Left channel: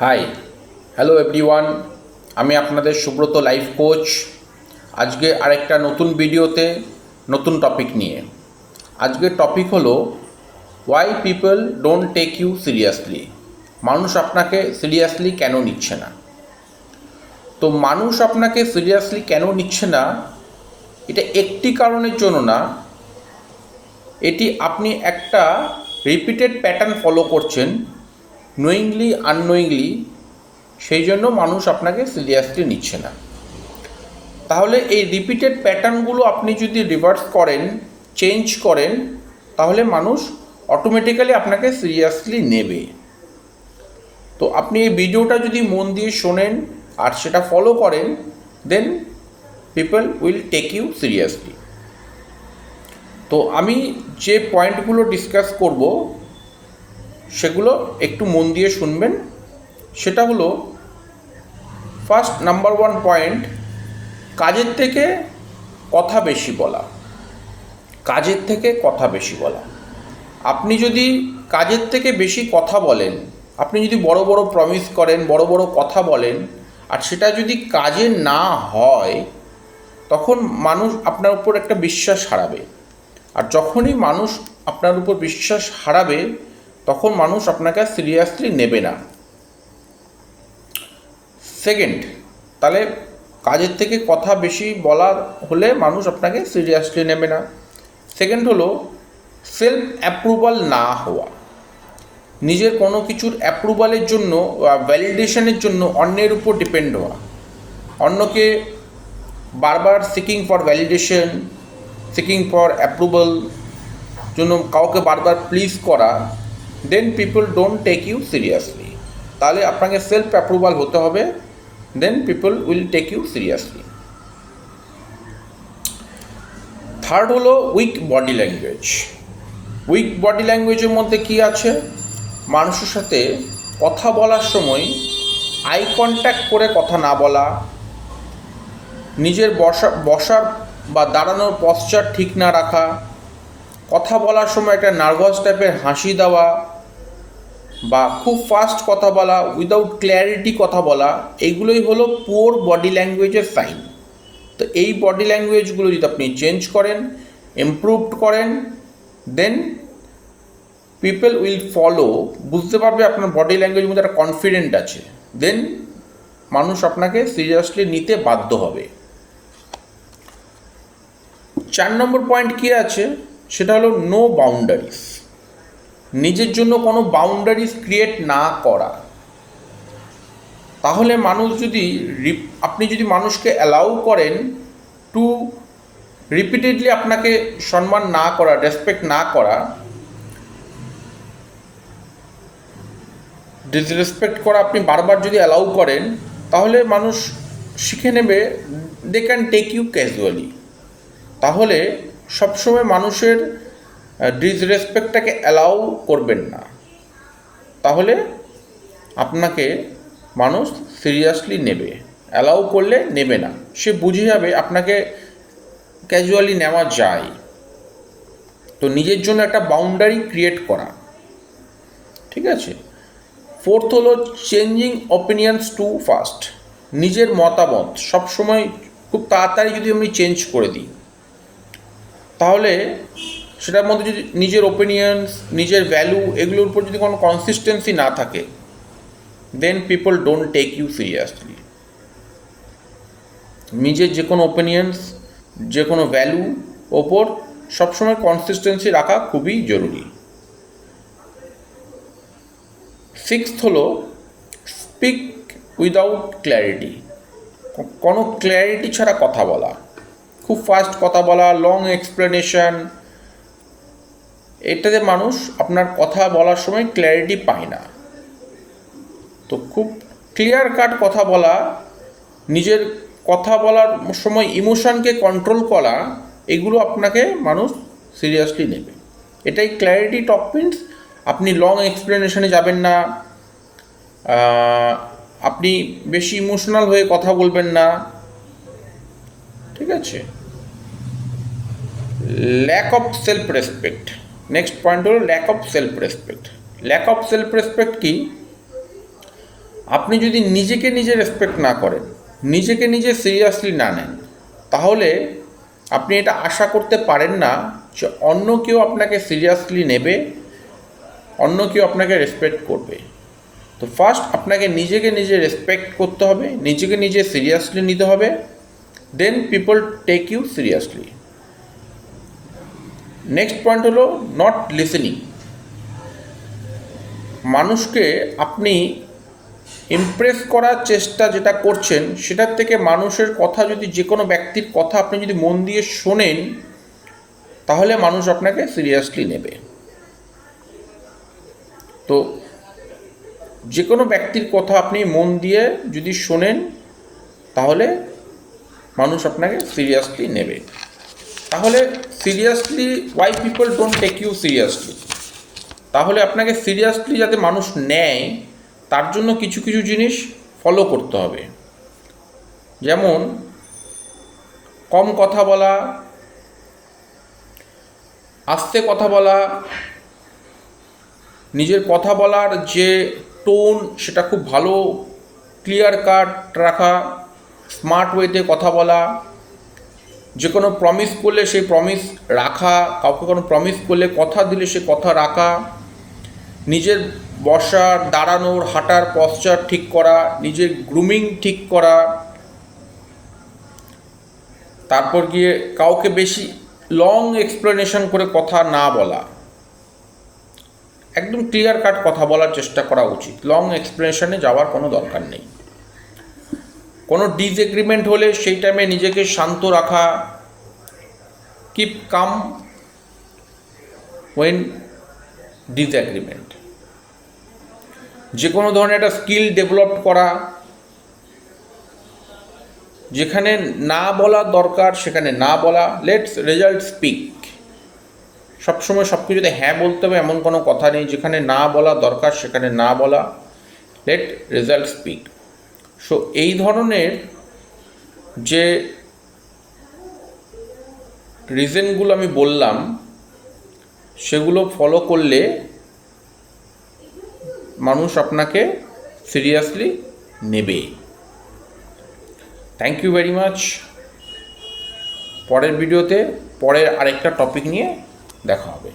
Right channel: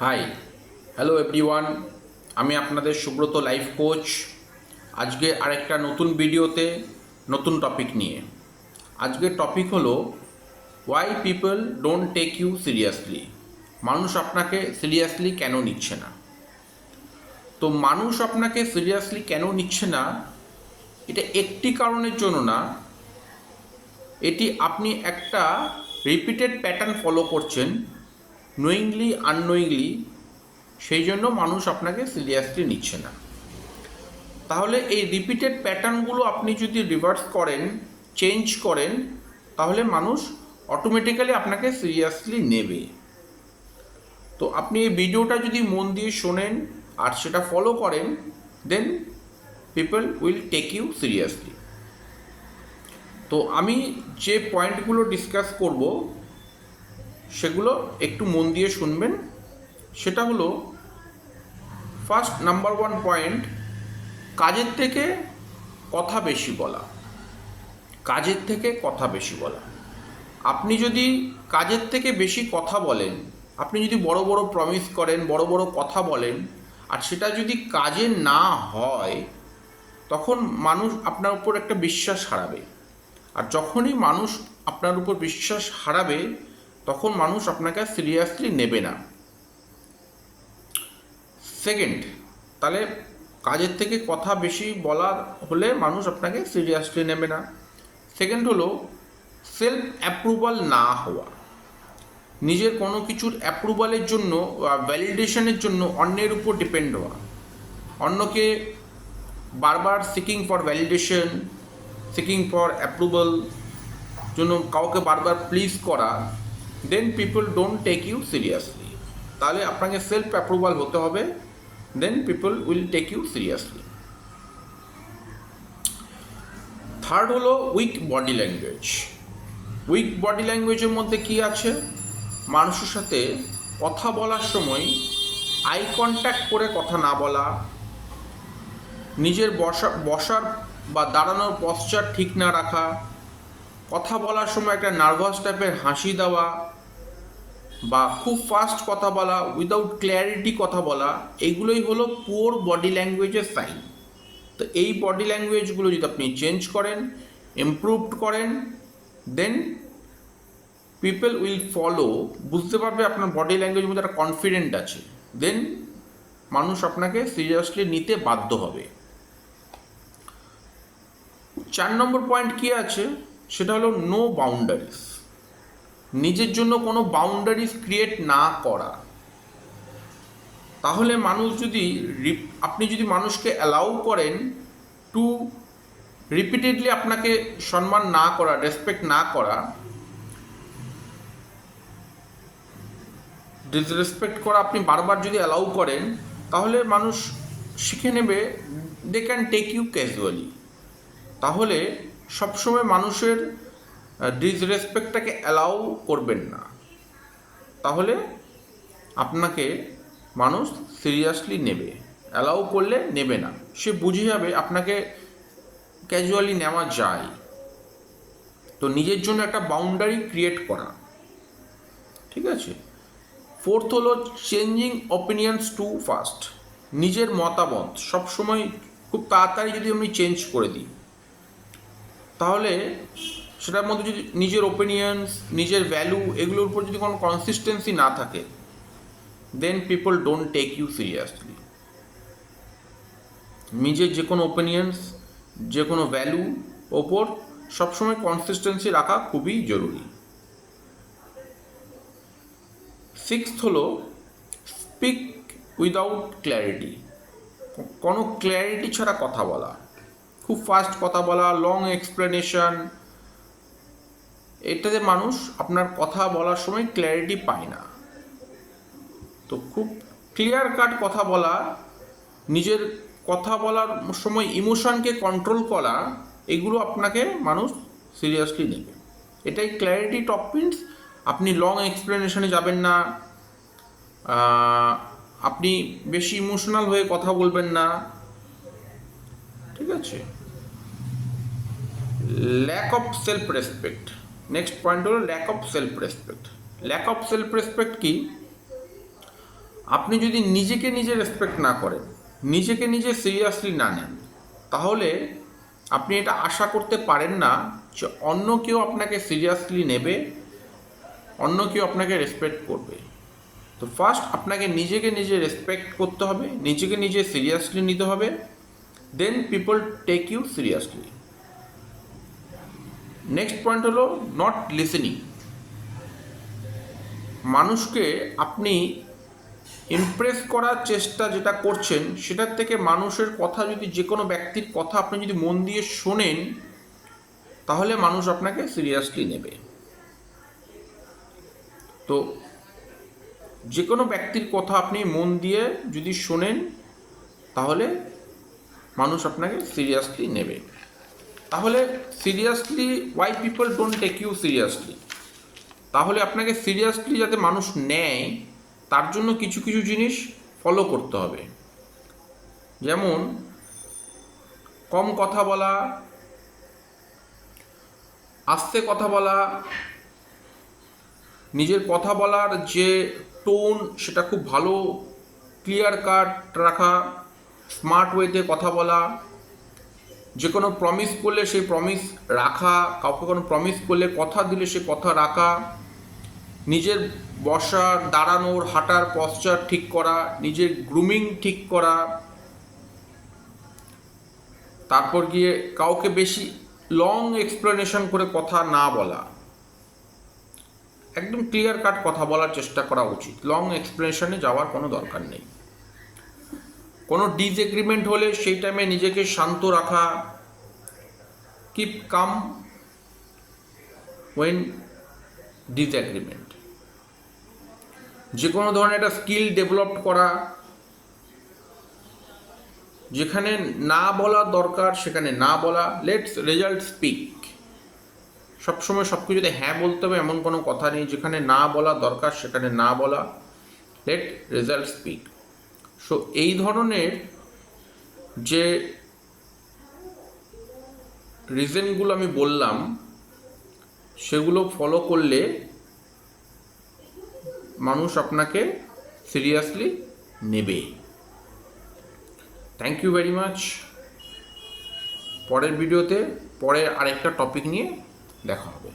High, hello everyone. আমি আপনাদের Subrata life coach. আজকে আরেকটা নতুন ভিডিওতে নতুন টপিক নিয়ে। আজকের টপিক হলো why people don't take you seriously. মানুষ আপনাকে সিরিয়াসলি কেন নিচ্ছে না? তো মানুষ আপনাকে সিরিয়াসলি কেন নিচ্ছে না, এটা একটি কারণের জন্য না, এটি আপনি একটা রিপিটেড প্যাটার্ন ফলো করছেন নোয়িংলি আননোয়িংলি, সেই জন্য মানুষ আপনাকে সিরিয়াসলি নিচ্ছে না। তাহলে এই রিপিটেড প্যাটার্নগুলো আপনি যদি রিভার্স করেন, চেঞ্জ করেন, তাহলে মানুষ অটোমেটিক্যালি আপনাকে সিরিয়াসলি নেবে। তো আপনি এই ভিডিওটা যদি মন দিয়ে শোনেন আর সেটা ফলো করেন, then people will take you seriously. তো আমি যে পয়েন্টগুলো ডিসকাস করব সেগুলো একটু মন দিয়ে শুনবেন। সেটা হলো, ফার্স্ট নাম্বার ওয়ান পয়েন্ট, কাজের থেকে কথা বেশি বলা। কাজের থেকে কথা বেশি বলা। আপনি যদি কাজের থেকে বেশি কথা বলেন, আপনি যদি বড় বড় প্রমিস করেন, বড় বড় কথা বলেন, আর সেটা যদি কাজে না হয়, তখন মানুষ আপনার উপর একটা বিশ্বাস হারাবে। আর যখনই মানুষ আপনার উপর বিশ্বাস হারাবে, তখন মানুষ আপনাকে সিরিয়াসলি নেবে না। সেকেন্ড, তাহলে কাজের থেকে কথা বেশি বলার হলে মানুষ আপনাকে সিরিয়াসলি নেবে না। সেকেন্ড হলো সেলফ অ্যাপ্রুভাল না হওয়া। নিজের কোনো কিছুর অ্যাপ্রুভালের জন্য বা ভ্যালিডেশনের জন্য অন্যের উপর ডিপেন্ড হওয়া, অন্যকে বারবার seeking for validation, seeking for approval জন্য কাউকে বারবার প্লিজ করা, then people don't take you seriously. তাহলে আপনাকে সেলফ অ্যাপ্রুভাল হতে হবে, then people will take you seriously. Third হলো weak body language. Weak body ল্যাঙ্গুয়েজের মধ্যে কী আছে? মানুষের সাথে কথা বলার সময় আই কন্ট্যাক্ট করে কথা না বলা, নিজের বসার বা দাঁড়ানোর পশ্চার ঠিক না রাখা, কথা বলার সময় একটা নার্ভাস টাইপের হাসি দেওয়া, বা খুব ফাস্ট কথা বলা, উইদাউট ক্ল্যারিটি কথা বলা, এইগুলোই হলো পুওর বডি ল্যাঙ্গুয়েজের সাইন। তো এই বডি ল্যাঙ্গুয়েজগুলো যদি আপনি চেঞ্জ করেন, ইমপ্রুভড করেন, দেন পিপল উইল ফলো, বুঝতে পারবে আপনার বডি ল্যাঙ্গুয়েজের মধ্যে একটা কনফিডেন্ট আছে, দেন মানুষ আপনাকে সিরিয়াসলি নিতে বাধ্য হবে। 4 নম্বর পয়েন্ট কী আছে? সেটা হলো নো বাউন্ডারিজ। নিজের জন্য কোনো বাউন্ডারিজ ক্রিয়েট না করা। তাহলে মানুষ যদি আপনি যদি মানুষকে অ্যালাউ করেন টু রিপিটেডলি আপনাকে সম্মান না করা, রেসপেক্ট না করা, ডিসরেসপেক্ট করা, আপনি বারবার যদি অ্যালাউ করেন, তাহলে মানুষ শিখে নেবে, they can take you casually. তাহলে সবসময় মানুষের ডিসরেসপেক্টটাকে অ্যালাউ করবেন না, তাহলে আপনাকে মানুষ সিরিয়াসলি নেবে। অ্যালাউ করলে নেবে না, সে বুঝে যাবে আপনাকে ক্যাজুয়ালি নেওয়া যায়। তো নিজের জন্য একটা বাউন্ডারি ক্রিয়েট করা, ঠিক আছে? ফোর্থ হলো চেঞ্জিং অপিনিয়ন্স টু ফাস্ট। নিজের মতামত সবসময় খুব তাড়াতাড়ি যদি আমি চেঞ্জ করে দিই, তাহলে সেটার মধ্যে যদি নিজের ওপিনিয়ন্স, নিজের ভ্যালু, এগুলোর উপর যদি কোনো কনসিস্টেন্সি না থাকে, then people don't take you seriously. নিজের যে কোনো ওপিনিয়ন্স, যে কোনো ভ্যালু ওপর সবসময় কনসিস্টেন্সি রাখা খুবই জরুরি। সিক্সথ হলো স্পিক উইদাউট ক্ল্যারিটি। কোনো ক্ল্যারিটি ছাড়া কথা বলা, খুব ফাস্ট কথা বলা, লং এক্সপ্লেনেশন, এটাতে মানুষ আপনার কথা বলার সময় ক্ল্যারিটি পায় না। তো খুব ক্লিয়ার কাট কথা বলা, নিজের কথা বলার সময় ইমোশনকে কন্ট্রোল করা, এগুলো আপনাকে মানুষ সিরিয়াসলি নেবে। এটাই ক্ল্যারিটি টক মিনস। আপনি লং এক্সপ্লেনেশনে যাবেন না, আপনি বেশি ইমোশনাল হয়ে কথা বলবেন না, ঠিক আছে? Lack of self respect. Next point হলো lack of self respect. Lack of self respect কি? আপনি যদি নিজেকে নিজে রেসপেক্ট না করেন, নিজেকে নিজে সিরিয়াসলি না নেন, তাহলে আপনি এটা আশা করতে পারেন না যে অন্য কেউ আপনাকে সিরিয়াসলি নেবে, অন্য কেউ আপনাকে রেসপেক্ট করবে। তো ফার্স্ট আপনাকে নিজেকে নিজে রেসপেক্ট করতে হবে, নিজেকে নিজে সিরিয়াসলি নিতে হবে, then people take you seriously. Next point হলো নট লিসেনিং। মানুষকে আপনি ইমপ্রেস করার চেষ্টা যেটা করছেন, সেটার থেকে মানুষের কথা যদি, যে কোনো ব্যক্তির কথা আপনি যদি মন দিয়ে শোনেন, তাহলে মানুষ আপনাকে সিরিয়াসলি নেবে। তো যে কোনো ব্যক্তির কথা আপনি মন দিয়ে যদি শোনেন, তাহলে মানুষ আপনাকে সিরিয়াসলি নেবে। তাহলে seriously why people don't take you seriously, তাহলে আপনাকে সিরিয়াসলি যাতে মানুষ নেয় তার জন্য কিছু কিছু জিনিস ফলো করতে হবে। যেমন কম কথা বলা, আস্তে কথা বলা, নিজের কথা বলার যে টোন সেটা খুব ভালো ক্লিয়ার কাট রাখা, স্মার্ট ওয়েতে কথা বলা, যে কোনো প্রমিস করলে সেই প্রমিস রাখা, কাউকে কোনো প্রমিস করলে কথা দিলে সে কথা রাখা, নিজের বসার, দাঁড়ানোর, হাঁটার পশ্চার ঠিক করা, নিজের গ্রুমিং ঠিক করা, তারপর গিয়ে কাউকে বেশি লং এক্সপ্লেনেশন করে কথা না বলা, একদম ক্লিয়ার কাট কথা বলার চেষ্টা করা উচিত, লং এক্সপ্লেনেশনে যাওয়ার কোনো দরকার নেই। কোনো ডিসএগ্রিমেন্ট হলে সেই টাইমে নিজেকে শান্ত রাখা, কিপ কাম ওয়েন ডিসএগ্রিমেন্ট। যে কোনো ধরনের একটা স্কিল ডেভেলপ করা, যেখানে না বলা দরকার সেখানে না বলা, লেটস রেজাল্ট স্পিক। সবসময় সব কিছুতে হ্যাঁ বলতে হবে এমন কোনো কথা নেই, যেখানে না বলা দরকার সেখানে না বলা, লেট রেজাল্ট স্পিক। সো এই ধরনের যে রিজনগুলো আমি বললাম, সেগুলো ফলো করলে মানুষ আপনাকে সিরিয়াসলি নেবে। Thank you very much. পরের ভিডিওতে পরের আরেকটা টপিক নিয়ে দেখা হবে।